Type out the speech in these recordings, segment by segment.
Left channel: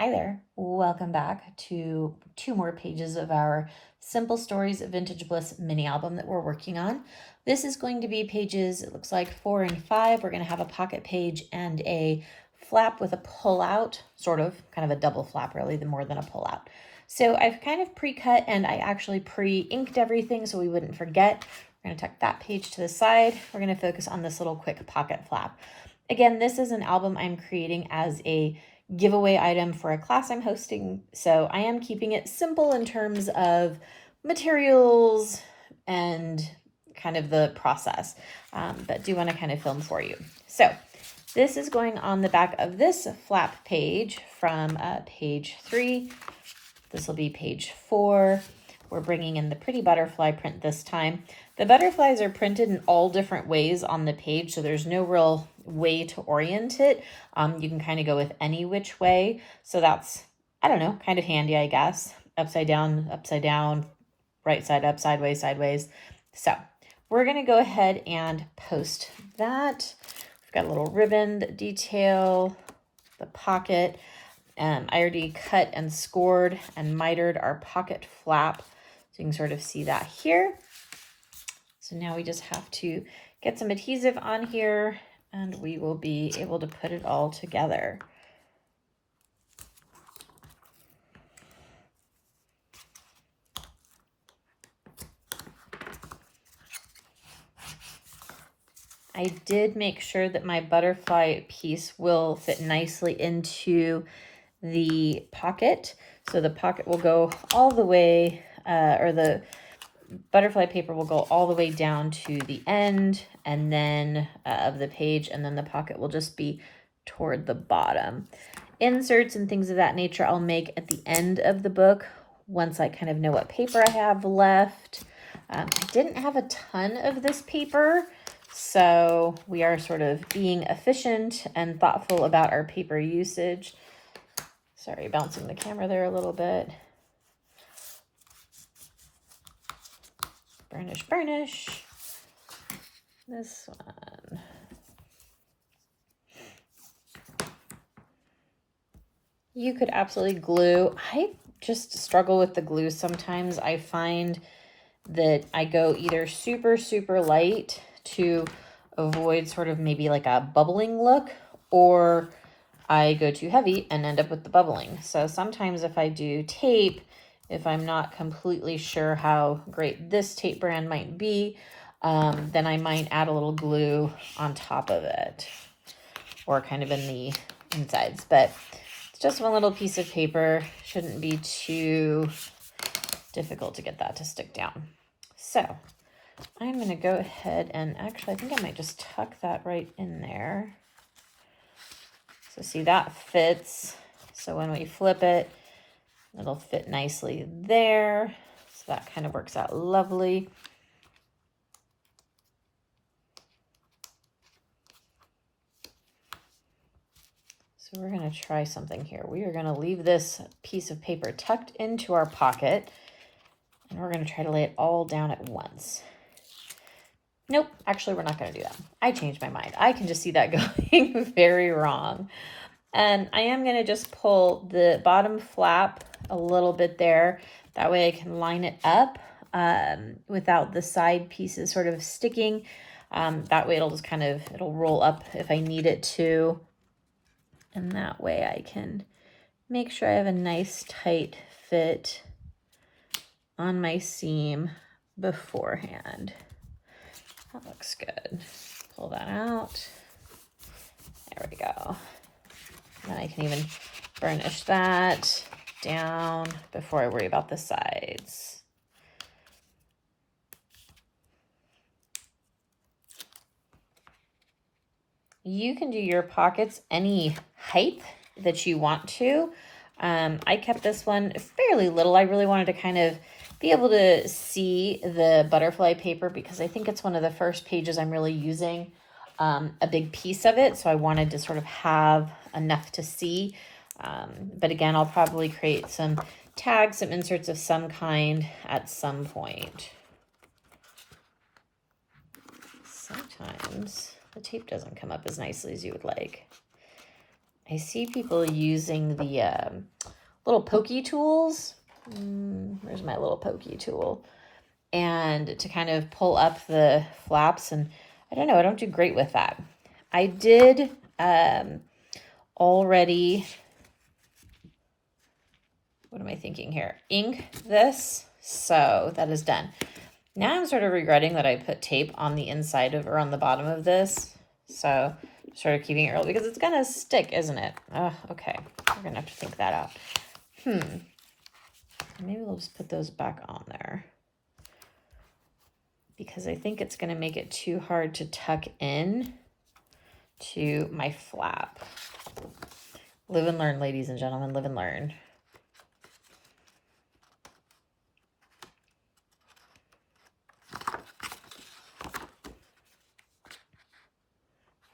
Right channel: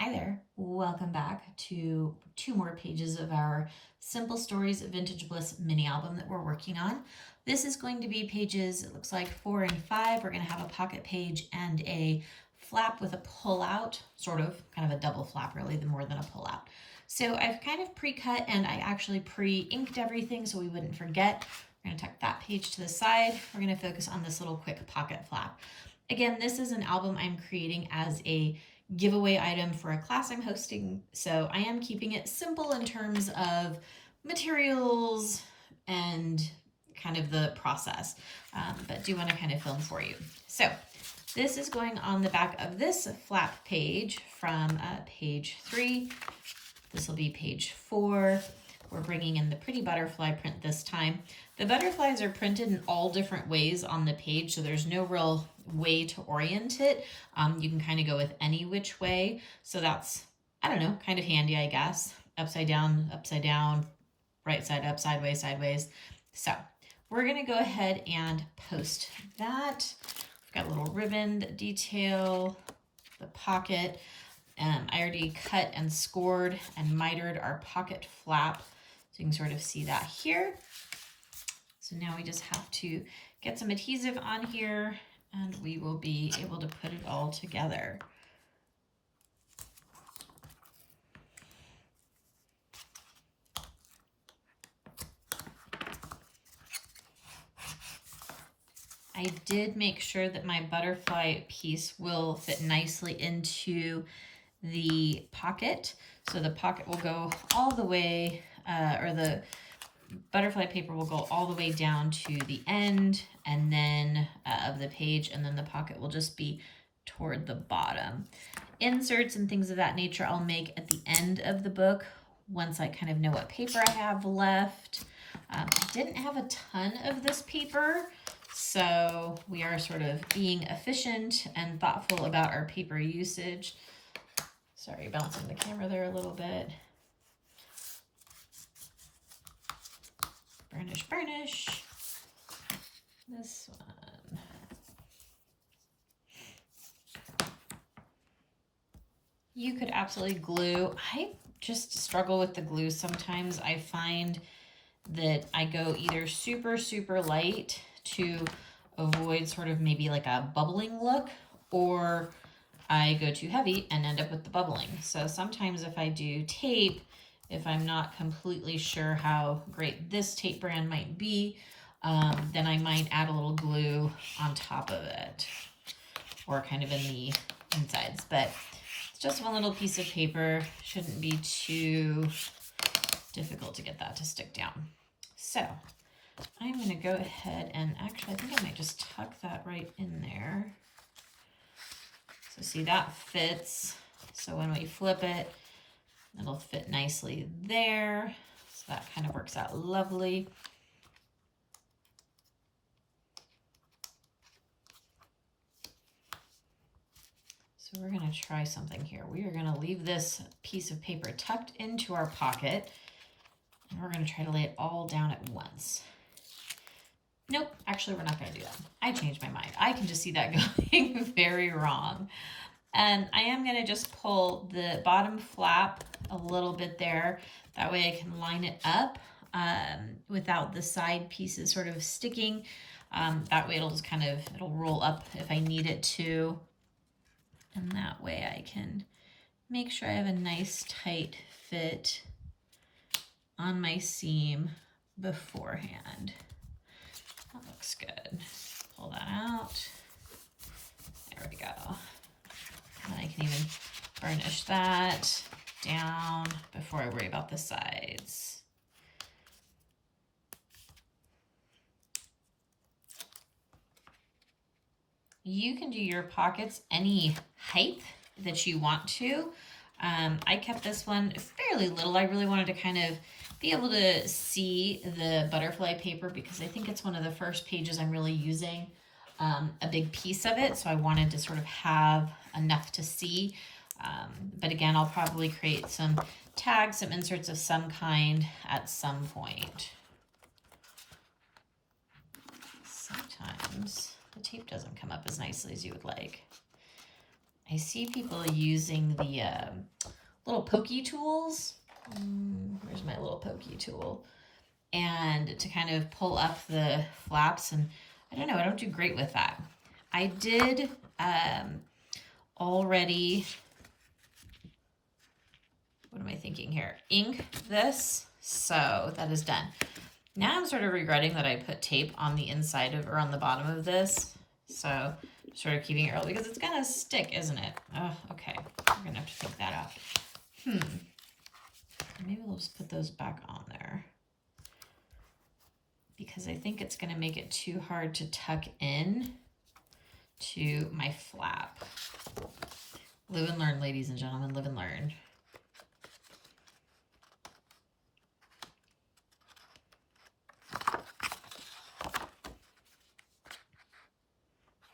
Hi there, welcome back to 2 more pages of our Simple Stories of Vintage Bliss mini album that we're working on. This is going to be pages, it looks like 4 and 5. We're going to have a pocket page and a flap with a pull out, kind of a double flap really, more than a pull out. So I've kind of pre-cut and I actually pre-inked everything so we wouldn't forget. We're going to tuck that page to the side. We're going to focus on this little quick pocket flap. Again, this is an album I'm creating as a giveaway item for a class I'm hosting. So I am keeping it simple in terms of materials and kind of the process, but do want to kind of film for you. So this is going on the back of this flap page from page 3. This will be page 4. We're bringing in the pretty butterfly print this time. The butterflies are printed in all different ways on the page, so there's no real way to orient it. You can kind of go with any which way. So that's, I don't know, kind of handy, I guess. Upside down, right side up, sideways, sideways. So we're going to go ahead and post that. We've got a little ribbon detail, the pocket. I already cut and scored and mitered our pocket flap. So you can sort of see that here. So now we just have to get some adhesive on here and we will be able to put it all together. I did make sure that my butterfly piece will fit nicely into the pocket. So the pocket will go all the way, or the butterfly paper will go all the way down to the end and then of the page, and then the pocket will just be toward the bottom. Inserts and things of that nature I'll make at the end of the book once I kind of know what paper I have left. I didn't have a ton of this paper, so we are sort of being efficient and thoughtful about our paper usage. Sorry, bouncing the camera there a little bit. Burnish, burnish. This one. You could absolutely glue. I just struggle with the glue sometimes. I find that I go either super, super light to avoid sort of maybe like a bubbling look, or I go too heavy and end up with the bubbling. So sometimes if I do tape, if I'm not completely sure how great this tape brand might be, then I might add a little glue on top of it or kind of in the insides. But it's just one little piece of paper. Shouldn't be too difficult to get that to stick down. So I'm going to go ahead and actually, I think I might just tuck that right in there. So see, that fits. So when we flip it, it'll fit nicely there. So that kind of works out lovely. So we're going to try something here. We are going to leave this piece of paper tucked into our pocket, and we're going to try to lay it all down at once. Nope, actually we're not going to do that. I changed my mind. I can just see that going very wrong. And I am going to just pull the bottom flap a little bit there. That way I can line it up without the side pieces sort of sticking. That way it'll just it'll roll up if I need it to. And that way I can make sure I have a nice tight fit on my seam beforehand. That looks good. Pull that out. There we go. And I can even burnish that down before I worry about the sides. You can do your pockets any height that you want to. I kept this one fairly little. I really wanted to kind of be able to see the butterfly paper because I think it's one of the first pages I'm really using a big piece of it. So I wanted to sort of have enough to see. But again, I'll probably create some tags, some inserts of some kind at some point. Sometimes the tape doesn't come up as nicely as you would like. I see people using the little pokey tools. Where's my little pokey tool? And to kind of pull up the flaps, and I don't know, I don't do great with that. I did already, what am I thinking here? Ink this, so that is done. Now I'm sort of regretting that I put tape on the inside of, or on the bottom of this. So sort of keeping it early because it's gonna stick, isn't it? Oh, okay, we're gonna have to take that out. Maybe we'll just put those back on there, because I think it's gonna make it too hard to tuck in to my flap. Live and learn, ladies and gentlemen, live and learn.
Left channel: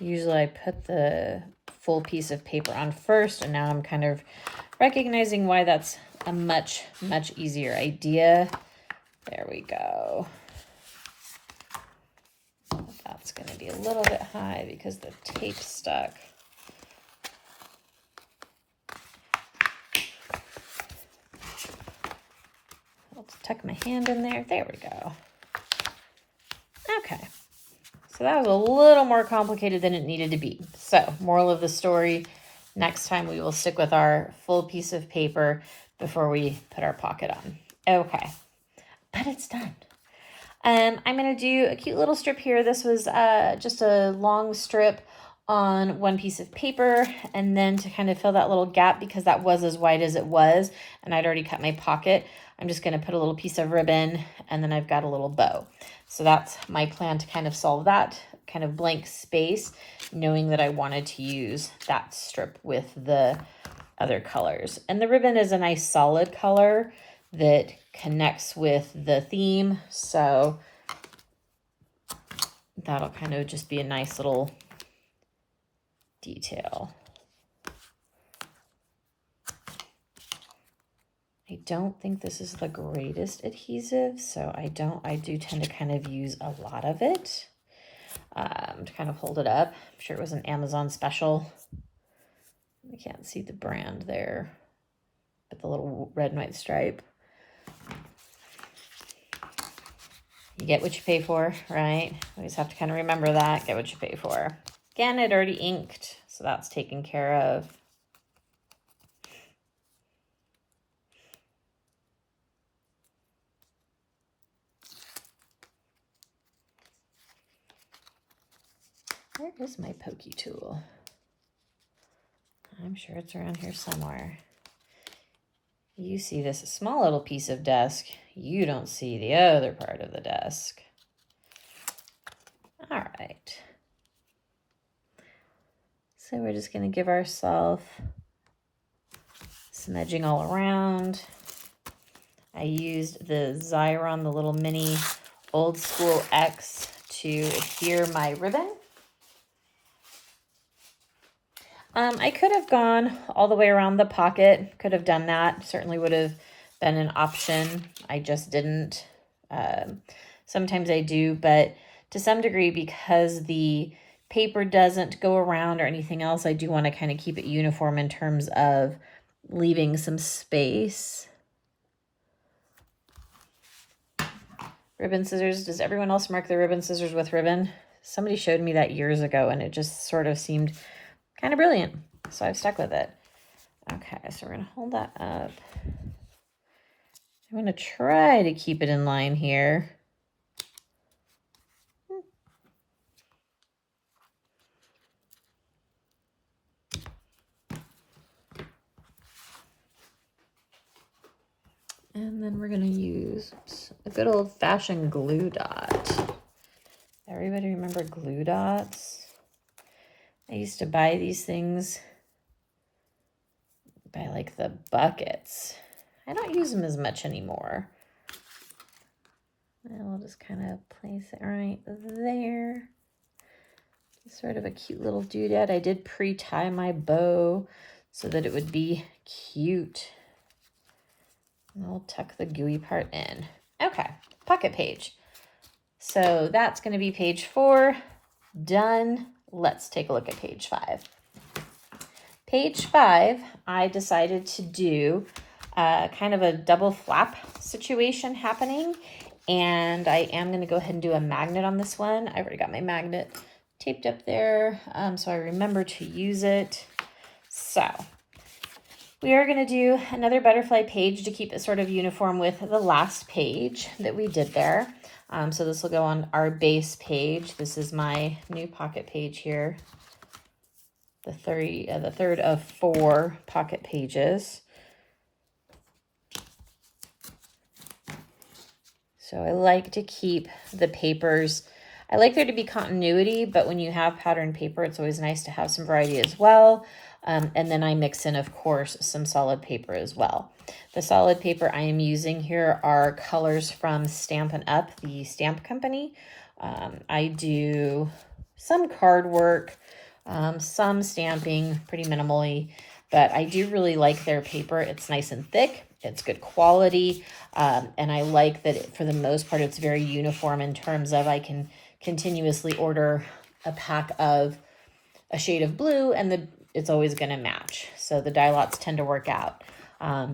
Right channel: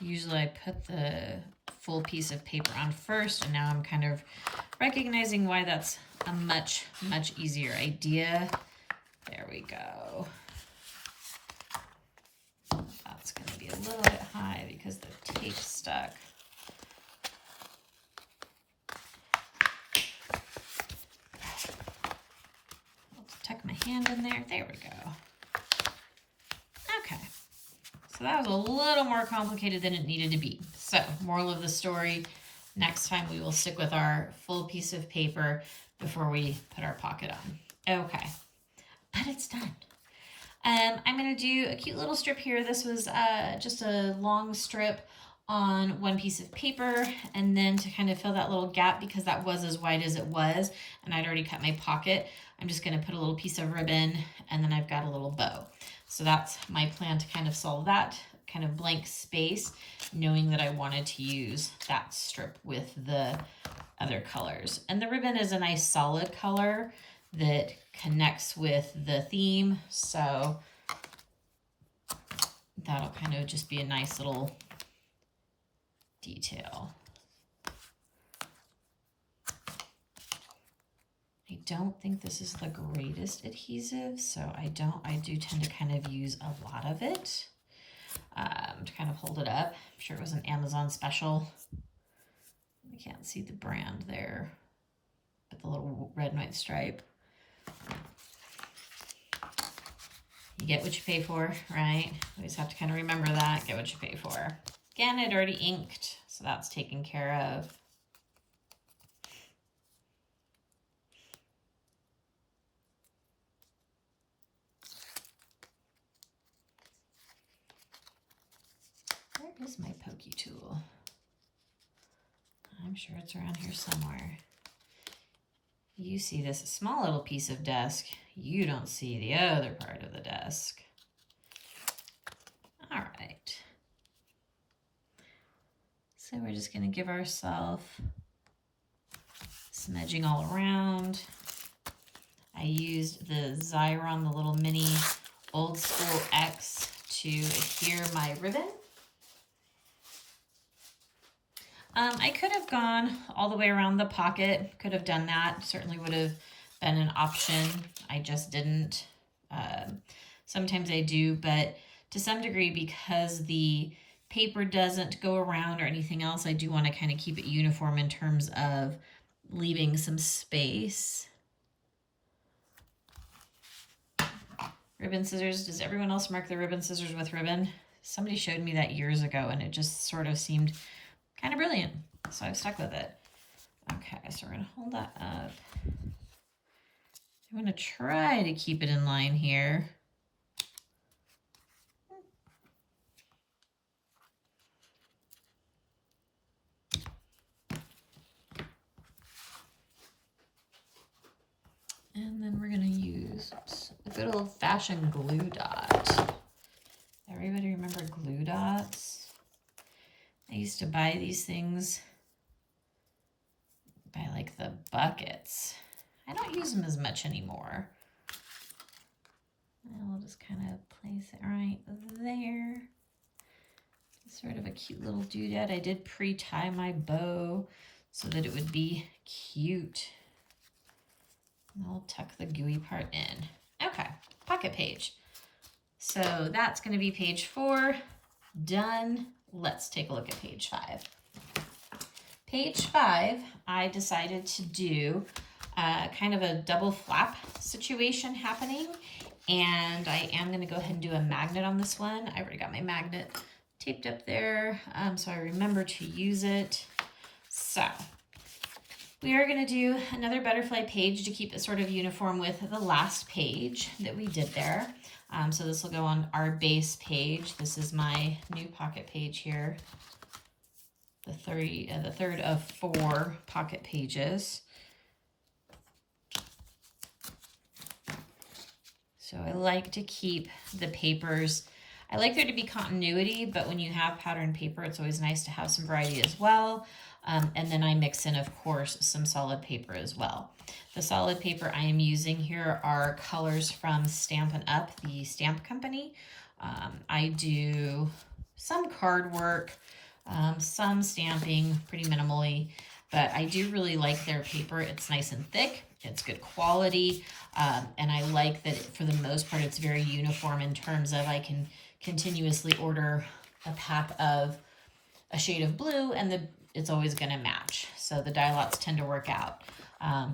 Usually I put the full piece of paper on first, and now I'm kind of recognizing why that's a much, much easier idea. There we go. That's going to be a little bit high because the tape stuck. Let's tuck my hand in there. There we go. Okay. So that was a little more complicated than it needed to be. So, moral of the story, next time we will stick with our full piece of paper before we put our pocket on. Okay, but it's done. I'm going to do a cute little strip here. This was just a long strip on one piece of paper, and then to kind of fill that little gap, because that was as wide as it was, and I'd already cut my pocket, I'm just going to put a little piece of ribbon, and then I've got a little bow. So that's my plan to kind of solve that kind of blank space, knowing that I wanted to use that strip with the other colors. And the ribbon is a nice solid color that connects with the theme, so that'll kind of just be a nice little detail. I don't think this is the greatest adhesive, so I do tend to kind of use a lot of it to kind of hold it up. I'm sure it was an Amazon special. I can't see the brand there, but the little red and white stripe. You get what you pay for, right? We just have to kind of remember that, get what you pay for. Again, I'd already inked, so that's taken care of. Where is my pokey tool? I'm sure it's around here somewhere. You see this small little piece of desk. You don't see the other part of the desk. All right. So we're just going to give ourselves some edging all around. I used the Xyron, the little mini old school X, to adhere my ribbon. I could have gone all the way around the pocket, could have done that. Certainly would have been an option. I just didn't. Sometimes I do, but to some degree, because the paper doesn't go around or anything else, I do want to kind of keep it uniform in terms of leaving some space. Ribbon scissors. Does everyone else mark their ribbon scissors with ribbon? Somebody showed me that years ago, and it just sort of seemed kind of brilliant, so I've stuck with it. Okay, so we're going to hold that up. I'm going to try to keep it in line here. And then we're going to use a good old-fashioned glue dot. Everybody remember glue dots? I used to buy these things by like the buckets. I don't use them as much anymore. I'll just kind of place it right there. Sort of a cute little doodad. I did pre-tie my bow so that it would be cute. And we'll tuck the gooey part in. Okay, pocket page. So that's going to be page 4. Done. Let's take a look at page 5. Page 5, I decided to do kind of a double flap situation happening. And I am going to go ahead and do a magnet on this one. I already got my magnet taped up there, so I remember to use it. So we are going to do another butterfly page to keep it sort of uniform with the last page that we did there. So this will go on our base page. This is my new pocket page here. The third of 4 pocket pages. So I like to keep the papers. I like there to be continuity, but when you have patterned paper, it's always nice to have some variety as well. And then I mix in, of course, some solid paper as well. The solid paper I am using here are colors from Stampin' Up, the stamp company. I do some card work, some stamping pretty minimally, but I do really like their paper. It's nice and thick. It's good quality. And I like that for the most part, it's very uniform in terms of I can continuously order a pack of a shade of blue and it's always going to match. So the dye lots tend to work out.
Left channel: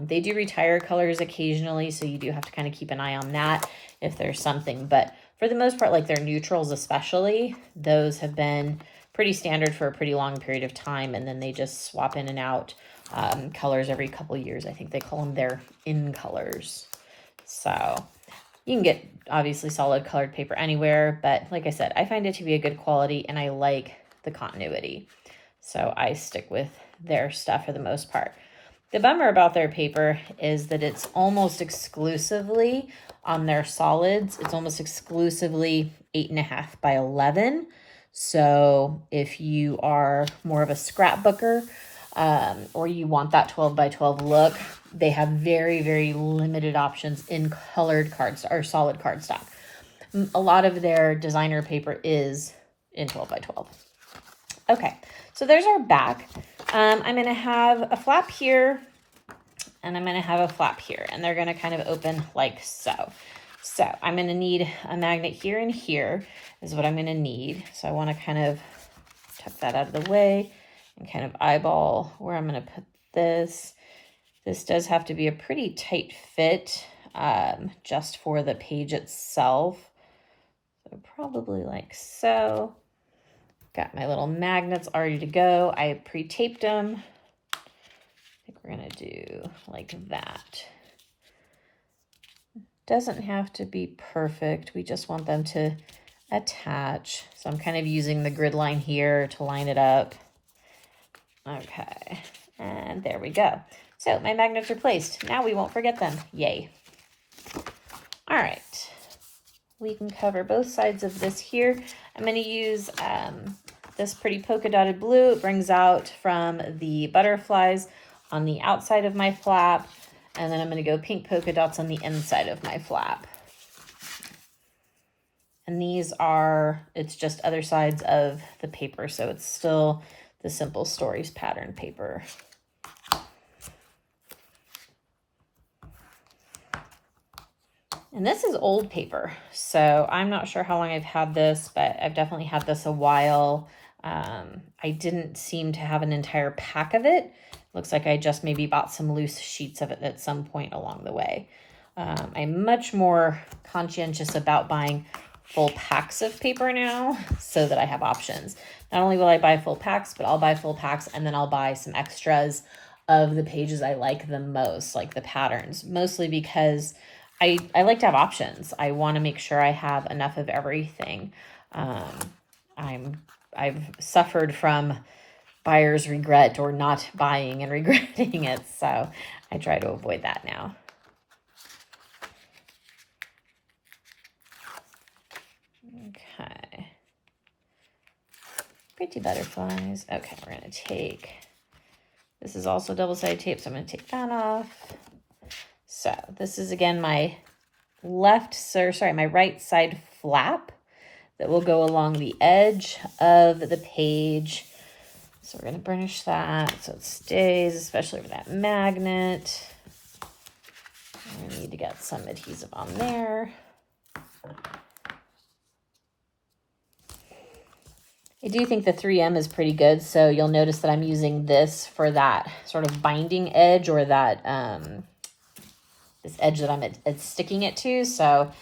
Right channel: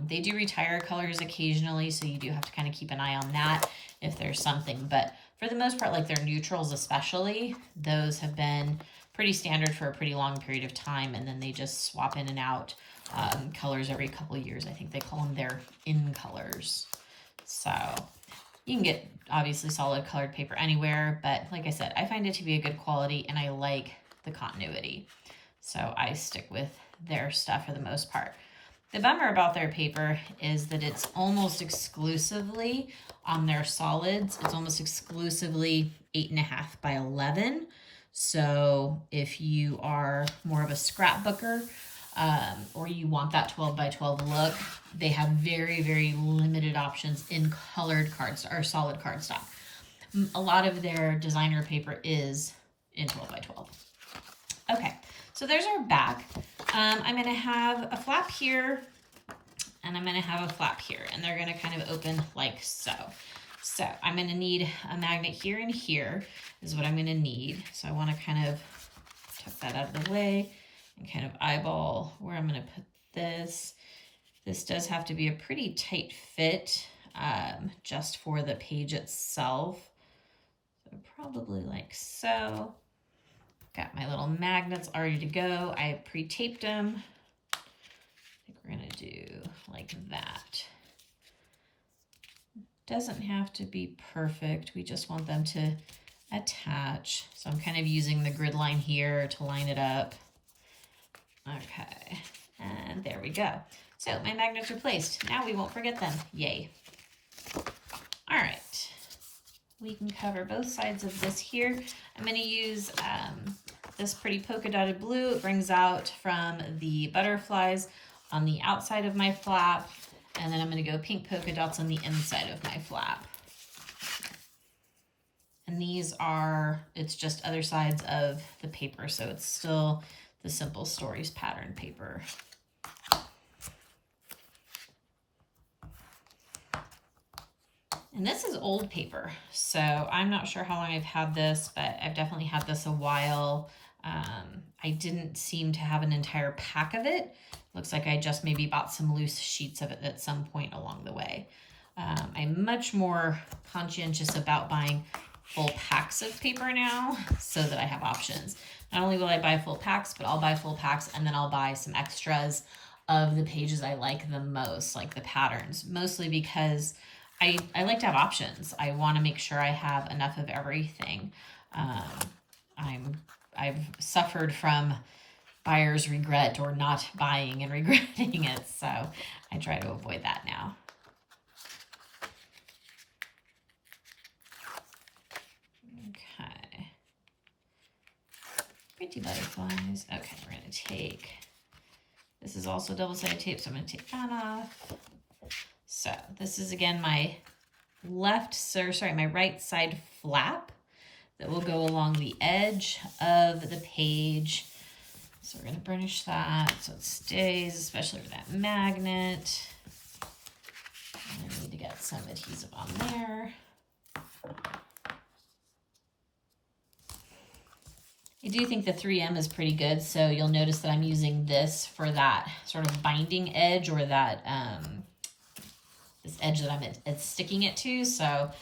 They do retire colors occasionally, so you do have to kind of keep an eye on that if there's something. But for the most part, like their neutrals especially, those have been pretty standard for a pretty long period of time, and then they just swap in and out colors every couple of years. I think they call them their in colors. So you can get obviously solid colored paper anywhere, but like I said, I find it to be a good quality and I like the continuity. So I stick with their stuff for the most part. The bummer about their paper is that it's almost exclusively on their solids. It's almost exclusively 8.5 by 11. So if you are more of a scrapbooker, or you want that 12 by 12 look, they have very, very limited options in colored cardstock or solid cardstock. A lot of their designer paper is in 12 by 12. Okay, so there's our back. I'm going to have a flap here, and I'm going to have a flap here, and they're going to kind of open like so. So I'm going to need a magnet here and here is what I'm going to need. So I want to kind of tuck that out of the way and kind of eyeball where I'm going to put this. This does have to be a pretty tight fit just for the page itself. So probably like so. Got my little magnets already to go. I pre-taped them. I think we're going to do like that. Doesn't have to be perfect. We just want them to attach. So I'm kind of using the grid line here to line it up. Okay, and there we go. So my magnets are placed. Now we won't forget them. Yay. All right. We can cover both sides of this here. I'm going to use this pretty polka dotted blue. It brings out from the butterflies on the outside of my flap. And then I'm going to go pink polka dots on the inside of my flap. And these are, it's just other sides of the paper. So it's still the Simple Stories pattern paper. And this is old paper, so I'm not sure how long I've had this, but I've definitely had this a while. I didn't seem to have an entire pack of it. Looks like I just maybe bought some loose sheets of it at some point along the way. I'm much more conscientious about buying full packs of paper now so that I have options. Not only will I buy full packs, but I'll buy full packs and then I'll buy some extras of the pages I like the most, like the patterns, mostly because I like to have options. I want to make sure I have enough of everything. I've suffered from buyer's regret or not buying and regretting it, so I try to avoid that now. Okay. Pretty butterflies. Okay, we're going to take, this is also double-sided tape, so I'm going to take that off. So this is again my my right side flap that will go along the edge of the page. So we're going to burnish that so it stays, especially with that magnet. I'm going to need to get some adhesive on there. I do think the 3M is pretty good, so you'll notice that I'm using this for that sort of binding edge, or that this edge that I'm sticking it to. So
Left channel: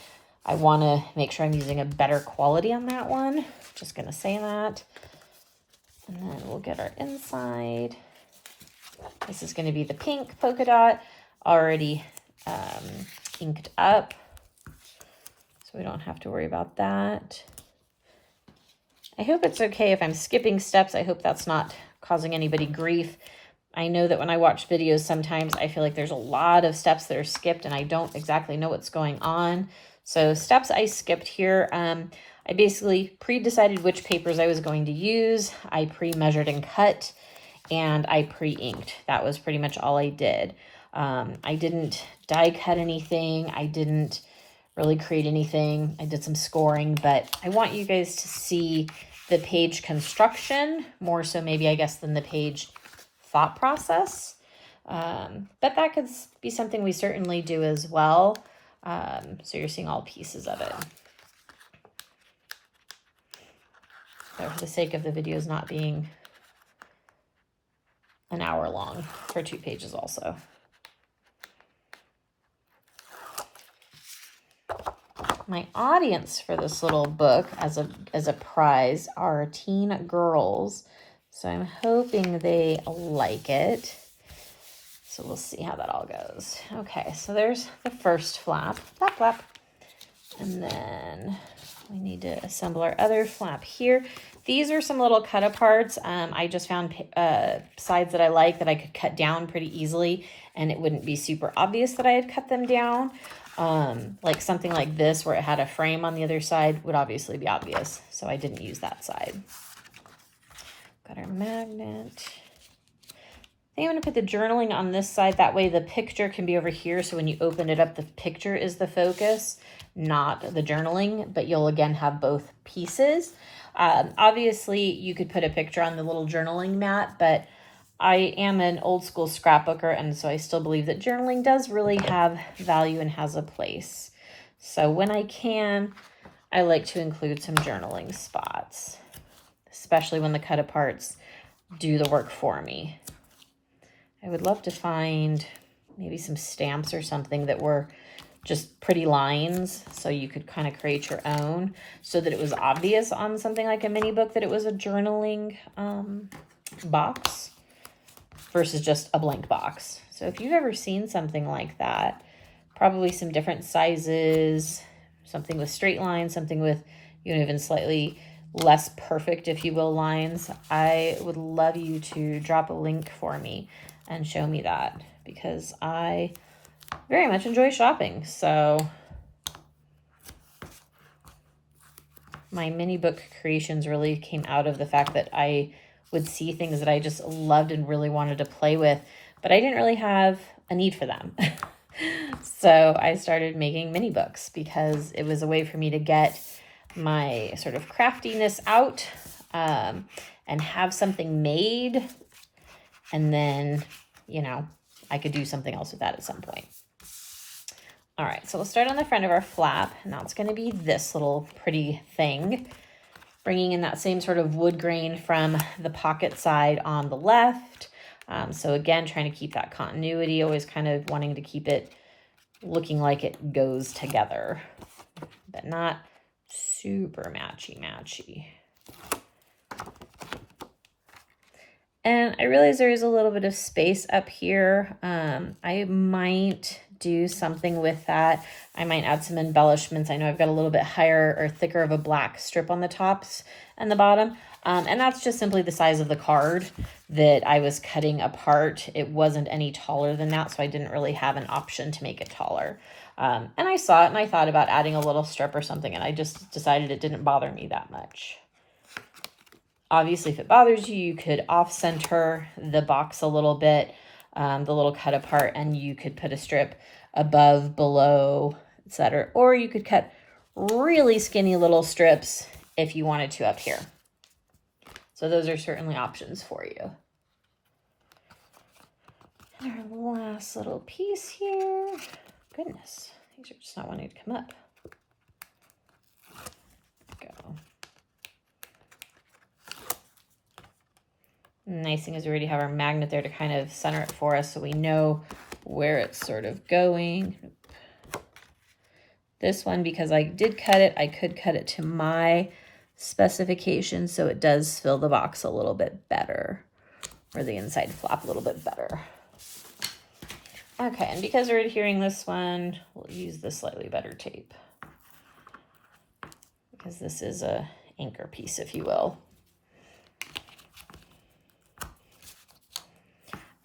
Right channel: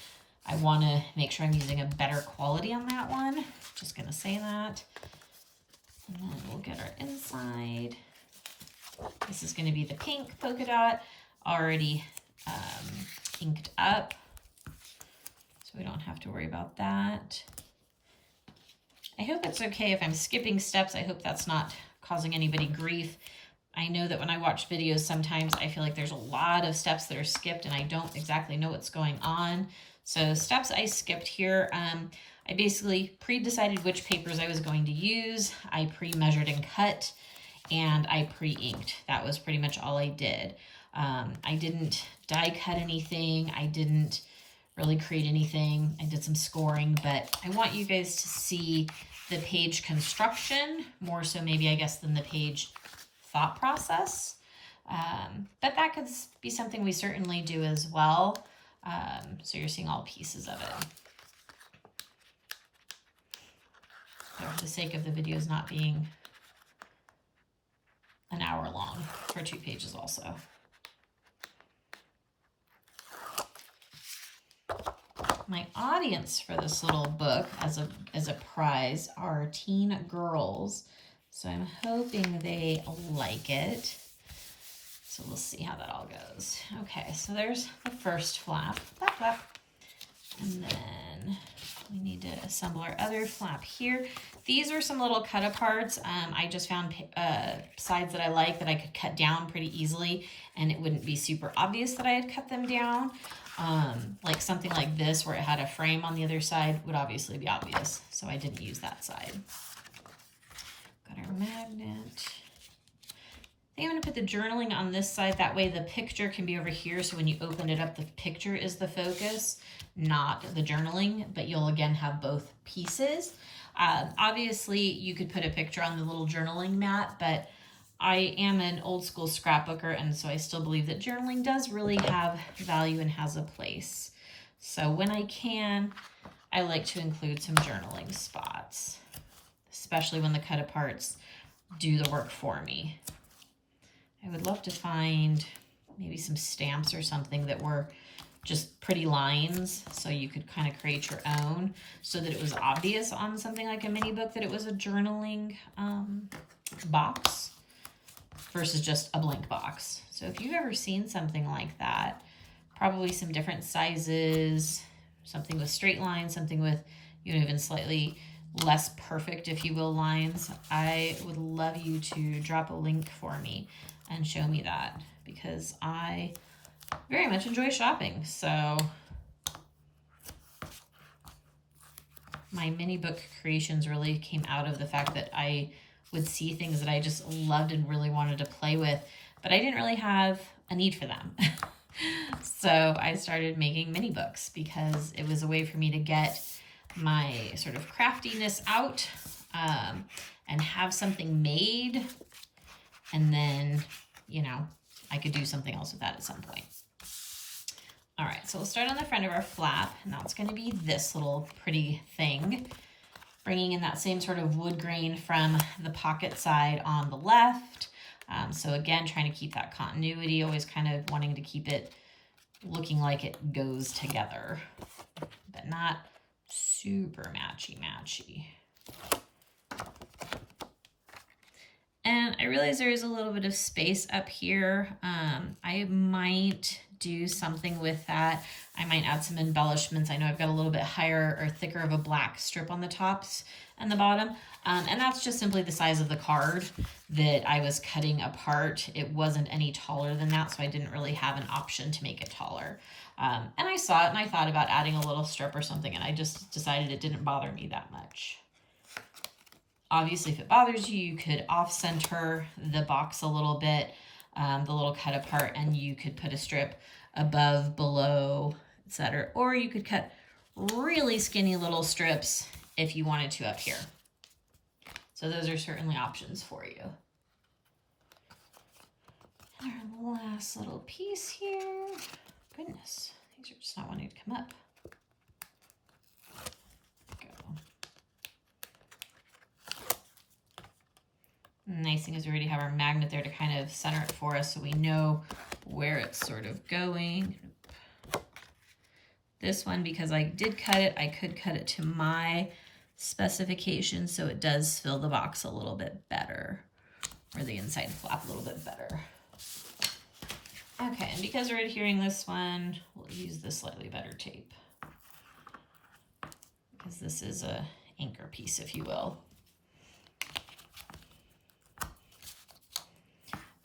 I want to make sure I'm using a better quality on that one. Just going to say that. And then we'll get our inside. This is going to be the pink polka dot, already inked up, so we don't have to worry about that. I hope it's okay if I'm skipping steps. I hope that's not causing anybody grief. I know that when I watch videos, sometimes I feel like there's a lot of steps that are skipped and I don't exactly know what's going on. So steps I skipped here. I basically pre-decided which papers I was going to use. I pre-measured and cut, and I pre-inked. That was pretty much all I did. I didn't die cut anything. I didn't really create anything. I did some scoring, but I want you guys to see the page construction more so maybe, I guess, than the page thought process. But that could be something we certainly do as well. So you're seeing all pieces of it. So for the sake of the videos not being an hour long for 2 pages also. My audience for this little book as a prize are teen girls. So I'm hoping they like it. So we'll see how that all goes. Okay, so there's the first flap, flap, flap. And then we need to assemble our other flap here. These are some little cut aparts. I just found sides that I like that I could cut down pretty easily, and it wouldn't be super obvious that I had cut them down. Like something like this where it had a frame on the other side would obviously be obvious, so I didn't use that side. Got our magnet. I think I'm going to put the journaling on this side. That way the picture can be over here, so when you open it up, the picture is the focus, not the journaling, but you'll again have both pieces. Obviously, you could put a picture on the little journaling mat, but I am an old school scrapbooker, and so I still believe that journaling does really have value and has a place. So when I can, I like to include some journaling spots, especially when the cut aparts do the work for me. I would love to find maybe some stamps or something that were just pretty lines, so you could kind of create your own, so that it was obvious on something like a mini book that it was a journaling box versus just a blank box. So if you've ever seen something like that, probably some different sizes, something with straight lines, something with, you know, even slightly less perfect, if you will, lines, I would love you to drop a link for me and show me that, because I very much enjoy shopping. So my mini book creations really came out of the fact that I would see things that I just loved and really wanted to play with, but I didn't really have a need for them. So I started making mini books because it was a way for me to get my sort of craftiness out and have something made, and then, you know, I could do something else with that at some point. All right, so we'll start on the front of our flap. Now it's going to be this little pretty thing, bringing in that same sort of wood grain from the pocket side on the left. So again, trying to keep that continuity, always kind of wanting to keep it looking like it goes together, but not super matchy-matchy. And I realize there is a little bit of space up here. I might do something with that. I might add some embellishments. I know I've got a little bit higher or thicker of a black strip on the tops and the bottom. And that's just simply the size of the card that I was cutting apart. It wasn't any taller than that, so I didn't really have an option to make it taller. And I saw it and I thought about adding a little strip or something, and I just decided it didn't bother me that much. Obviously, if it bothers you, you could off-center the box a little bit, the little cut apart, and you could put a strip above, below, etc. Or you could cut really skinny little strips if you wanted to up here. So those are certainly options for you. And our last little piece here. Goodness, these are just not wanting to come up. Go. Nice thing is we already have our magnet there to kind of center it for us so we know where it's sort of going. This one, because I did cut it, I could cut it to my specifications so it does fill the box a little bit better, or the inside flap a little bit better. Okay, and because we're adhering this one, we'll use the slightly better tape, because this is a anchor piece, if you will.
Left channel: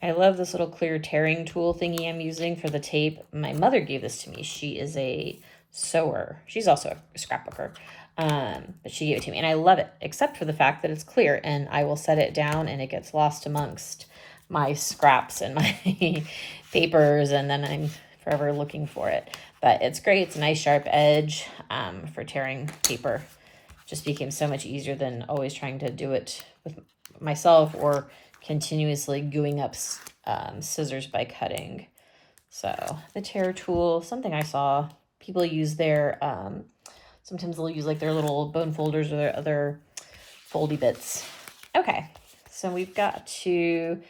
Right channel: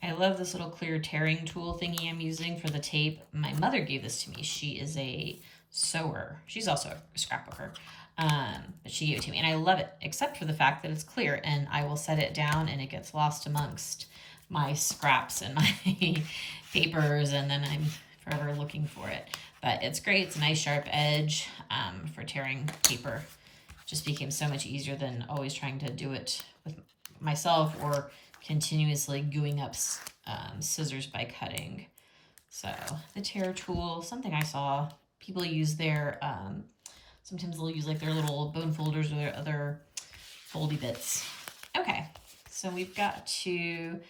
I love this little clear tearing tool thingy I'm using for the tape. My mother gave this to me. She is a sewer. She's also a scrapbooker, but she gave it to me, and I love it, except for the fact that it's clear, and I will set it down and it gets lost amongst my scraps and my papers, and then I'm forever looking for it. But it's great. It's a nice sharp edge for tearing paper. Just became so much easier than always trying to do it with myself or continuously gooing up scissors by cutting. So the tear tool, something I saw people use their, sometimes they'll use like their little bone folders or their other foldy bits. Okay, so we've got to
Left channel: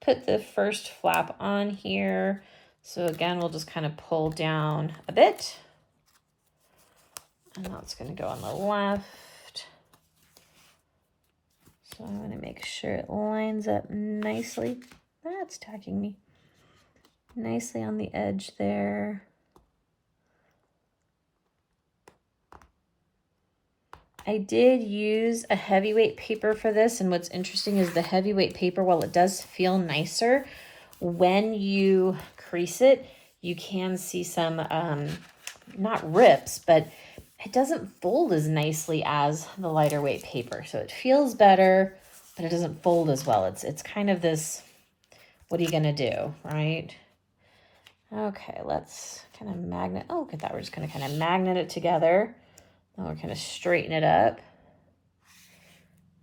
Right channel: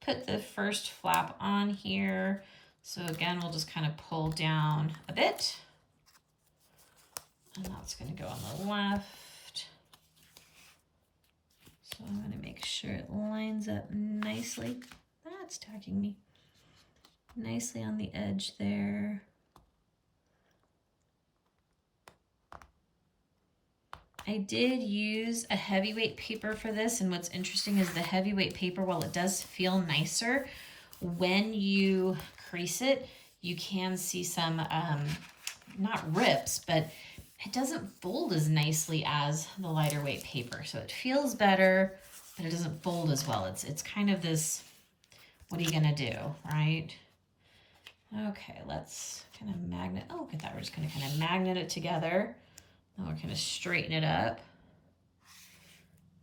put the first flap on here. So again, we'll just kind of pull down a bit. And now it's going to go on the left. So I'm going to make sure it lines up nicely. That's tacking me. Nicely on the edge there. I did use a heavyweight paper for this, and what's interesting is the heavyweight paper, while it does feel nicer, when you crease it, you can see some, not rips, but it doesn't fold as nicely as the lighter weight paper. So it feels better, but it doesn't fold as well. It's kind of this, what are you gonna do, right? Okay, let's kind of magnet, oh, look at that. We're just gonna kind of magnet it together. Now we're kind of straighten it up.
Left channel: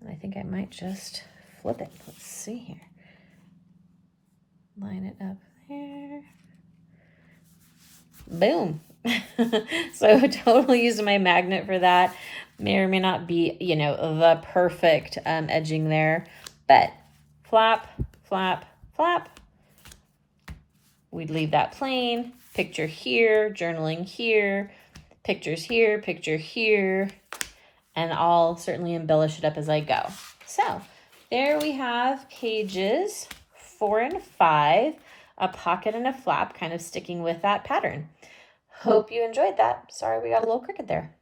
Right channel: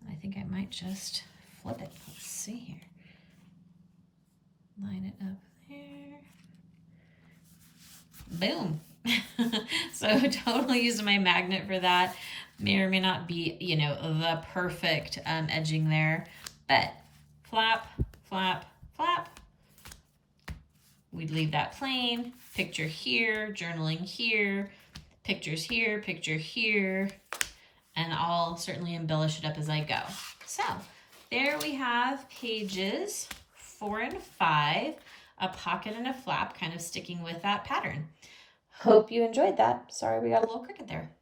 And I think I might just flip it. Let's see here. Line it up there. Boom. So totally using my magnet for that. May or may not be, you know, the perfect edging there, but flap, flap, flap. We'd leave that plain. Picture here, journaling here, pictures here, picture here, and I'll certainly embellish it up as I go. So there we have pages 4 and 5, a pocket and a flap, kind of sticking with that pattern. Hope you enjoyed that. Sorry we got a little crooked there.